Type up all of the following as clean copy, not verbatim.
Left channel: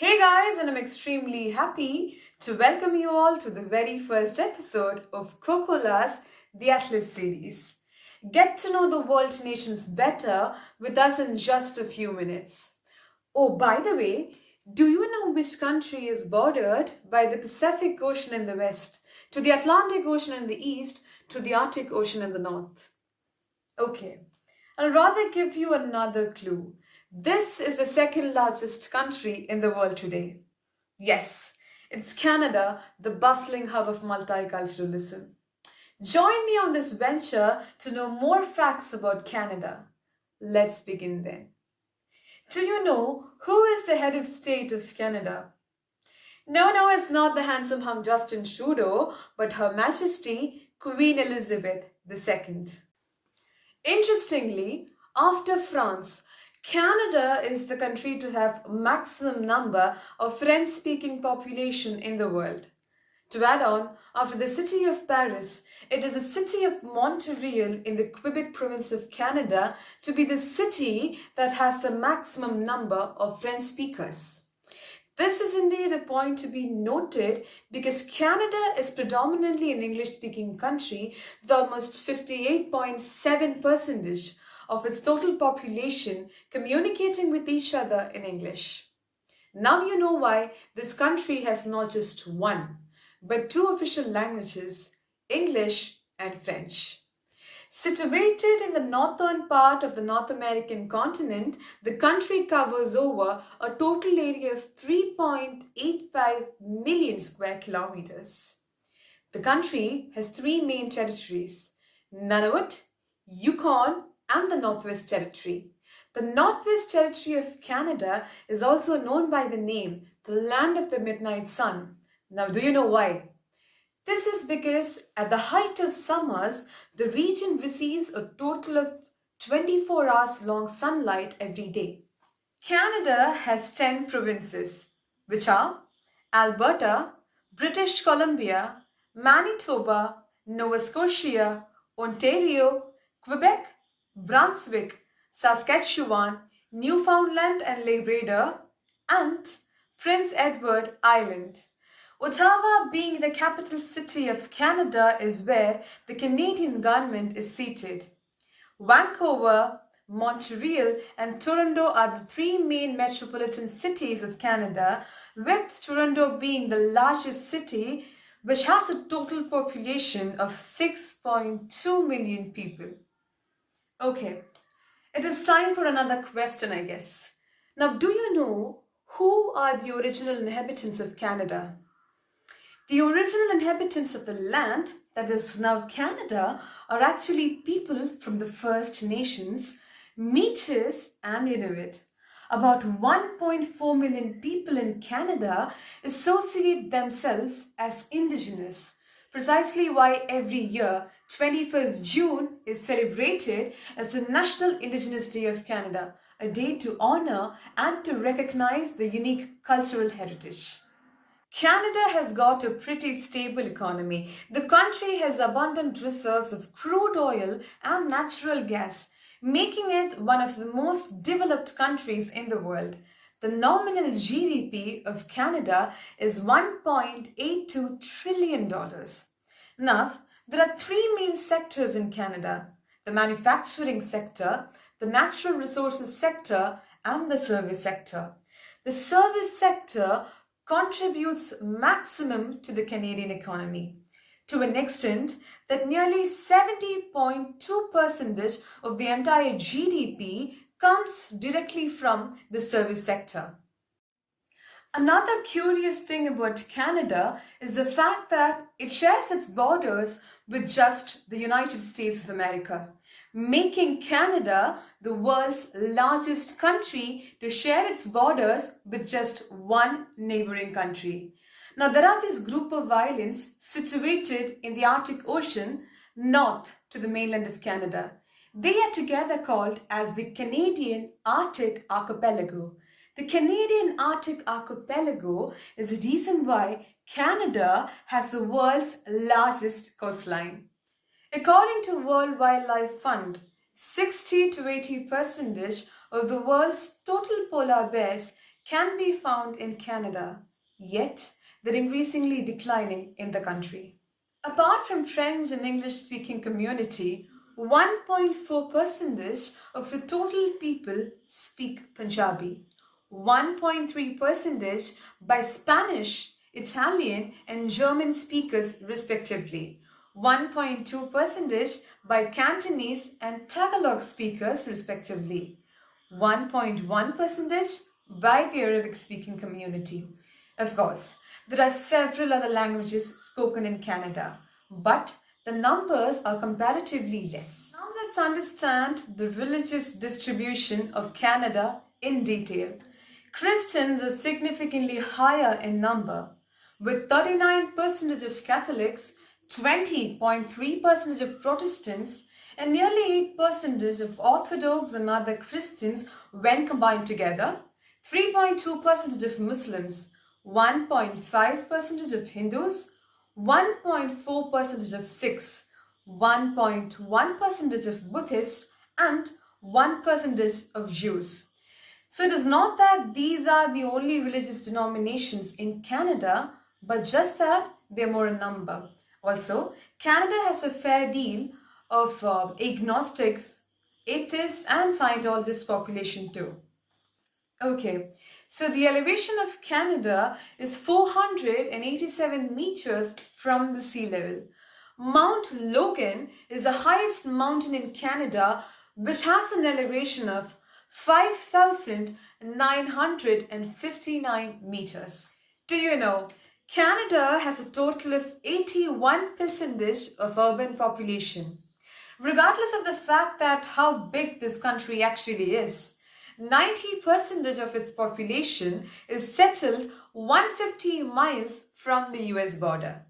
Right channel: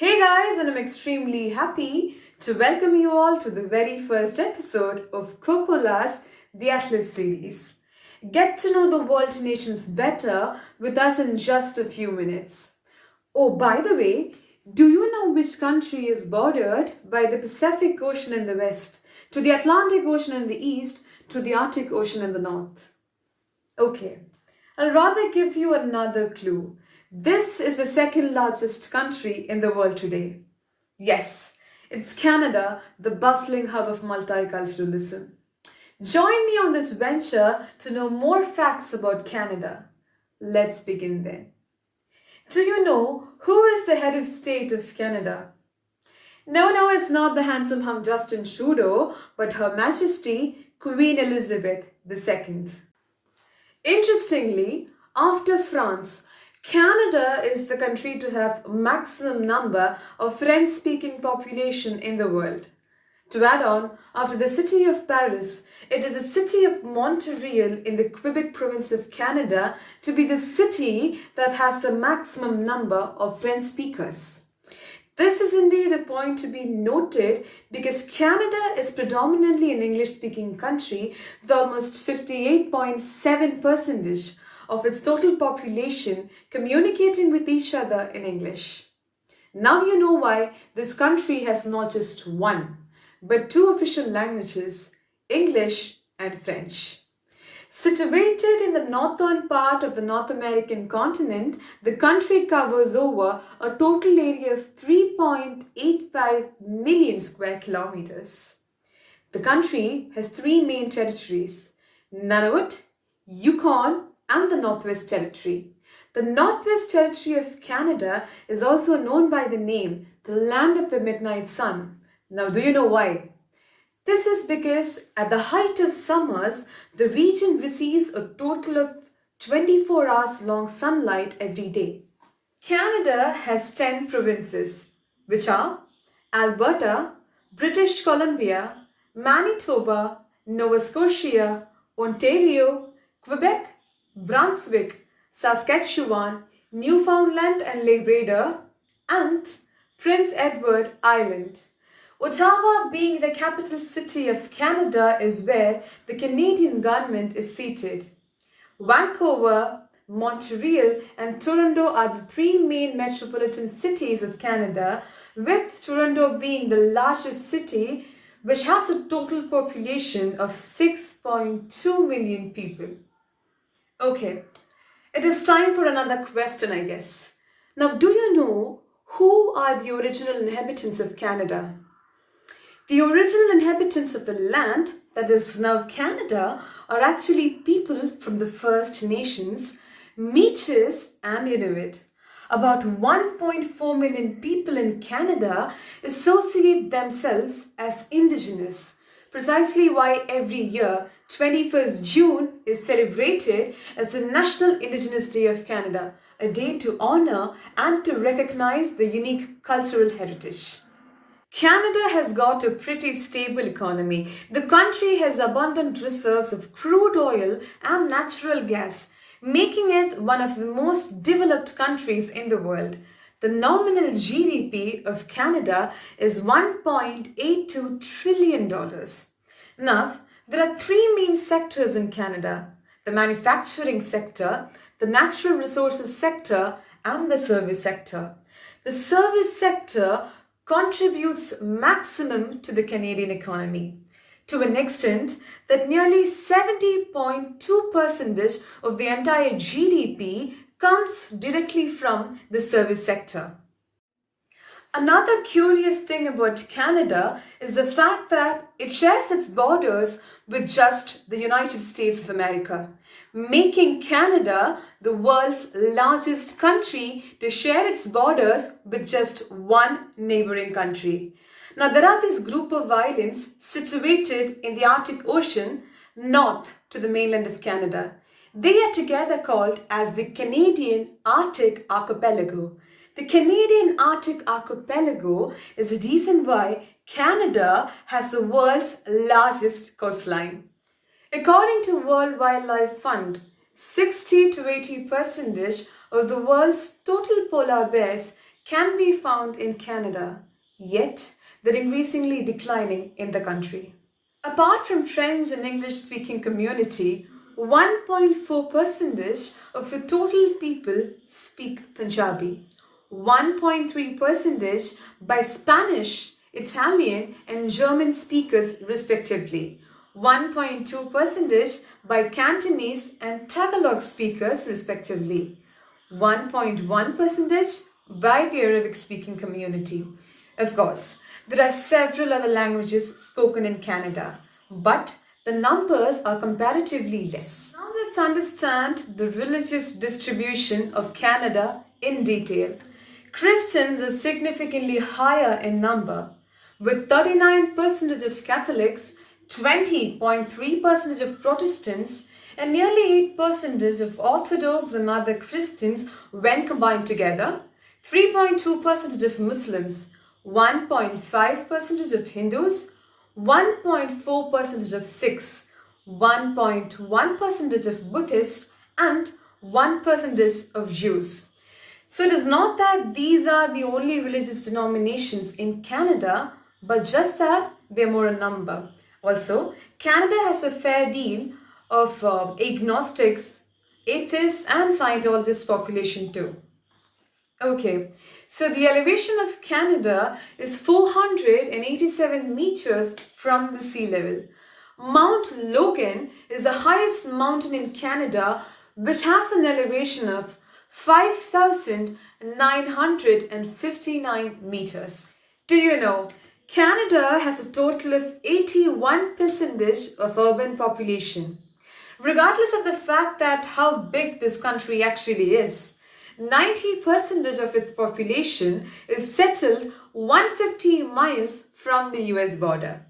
Hey guys, and I'm extremely happy to welcome you all to the very first episode of Cocola's The Atlas series. Get to know the world nations better with us in just a few minutes. Oh, by the way, do you know which country is bordered by the Pacific Ocean in the west, to the Atlantic Ocean in the east, to the Arctic Ocean in the north? Okay, I'll rather give you another clue. This is the second largest country in the world today. Yes, it's Canada, the bustling hub of multiculturalism. Join me on this venture to know more facts about Canada. Let's begin then. Do you know who is the head of state of Canada? No, it's not the handsome hunk Justin Trudeau, but Her Majesty Queen Elizabeth II. Interestingly, after France, Canada is the country to have maximum number of French-speaking population in the world. To add on, after the city of Paris, it is the city of Montreal in the Quebec province of Canada to be the city that has the maximum number of French speakers. This is indeed a point to be noted because Canada is predominantly an English-speaking country with almost 58.7% of its total population communicating with each other in English. Now you know why this country has not just one, but two official languages, English and French. Situated in the northern part of the North American continent, the country covers over a total area of 3.85 million square kilometers. The country has three main territories: Nunavut, Yukon, and the Northwest Territory. The Northwest Territory of Canada is also known by the name the Land of the Midnight Sun. Now, do you know why? This is because at the height of summers, the region receives a total of 24 hours long sunlight every day. Canada has 10 provinces, which are Alberta, British Columbia, Manitoba, Nova Scotia, Ontario, Quebec, Brunswick, Saskatchewan, Newfoundland and Labrador, and Prince Edward Island. Ottawa, being the capital city of Canada, is where the Canadian government is seated. Vancouver, Montreal, and Toronto are the three main metropolitan cities of Canada, with Toronto being the largest city, which has a total population of 6.2 million people. Okay, it is time for another question, I guess. Now, do you know who are the original inhabitants of Canada? The original inhabitants of the land that is now Canada are actually people from the First Nations, Métis and Inuit. About 1.4 million people in Canada associate themselves as Indigenous, precisely why every year 21st June is celebrated as the National Indigenous Day of Canada, a day to honor and to recognize the unique cultural heritage. Canada has got a pretty stable economy. The country has abundant reserves of crude oil and natural gas, making it one of the most developed countries in the world. The nominal GDP of Canada is $1.82 trillion. Now, there are three main sectors in Canada: the manufacturing sector, the natural resources sector, and the service sector. The service sector contributes maximum to the Canadian economy, to an extent that nearly 70.2% of the entire GDP comes directly from the service sector. Another curious thing about Canada is the fact that it shares its borders with just the United States of America, making Canada the world's largest country to share its borders with just one neighboring country. Now, there are this group of islands situated in the Arctic Ocean north to the mainland of Canada. They are together called as the Canadian Arctic Archipelago. The Canadian Arctic Archipelago is the reason why Canada has the world's largest coastline. According to World Wildlife Fund, 60 to 80% of the world's total polar bears can be found in Canada, yet they're increasingly declining in the country. Apart from French and English-speaking community, 1.4% of the total people speak Punjabi, 1.3% by Spanish, Italian and German speakers respectively, 1.2% by Cantonese and Tagalog speakers respectively, 1.1% by the Arabic-speaking community. Of course, there are several other languages spoken in Canada, but the numbers are comparatively less. Now let's understand the religious distribution of Canada in detail. Christians are significantly higher in number, with 39% of Catholics, 20.3% of Protestants, and nearly 8% of Orthodox and other Christians when combined together, 3.2% of Muslims, 1.5% of Hindus, 1.4% of Sikhs, 1.1% of Buddhists, and 1% of Jews. So it is not that these are the only religious denominations in Canada, but just that they're more in number. Also, Canada has a fair deal of agnostics, atheists, and Scientologist population too. Okay, so the elevation of Canada is 487 meters from the sea level. Mount Logan is the highest mountain in Canada, which has an elevation of 5,959 meters. Do you know, Canada has a total of 81% of urban population. Regardless of the fact that how big this country actually is, 90% of its population is settled 150 miles from the US border.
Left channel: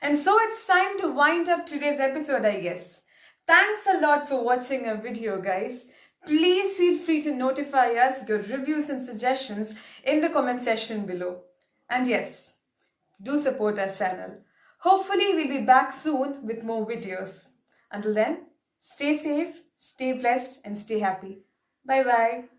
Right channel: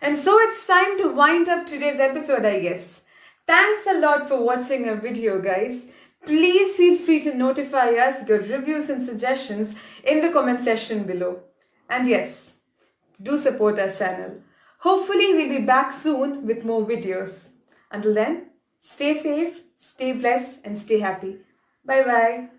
And so it's time to wind up today's episode, I guess. Thanks a lot for watching our video, guys. Please feel free to notify us your reviews and suggestions in the comment section below. And yes, do support our channel. Hopefully we'll be back soon with more videos. Until then, stay safe, stay blessed and stay happy. Bye bye.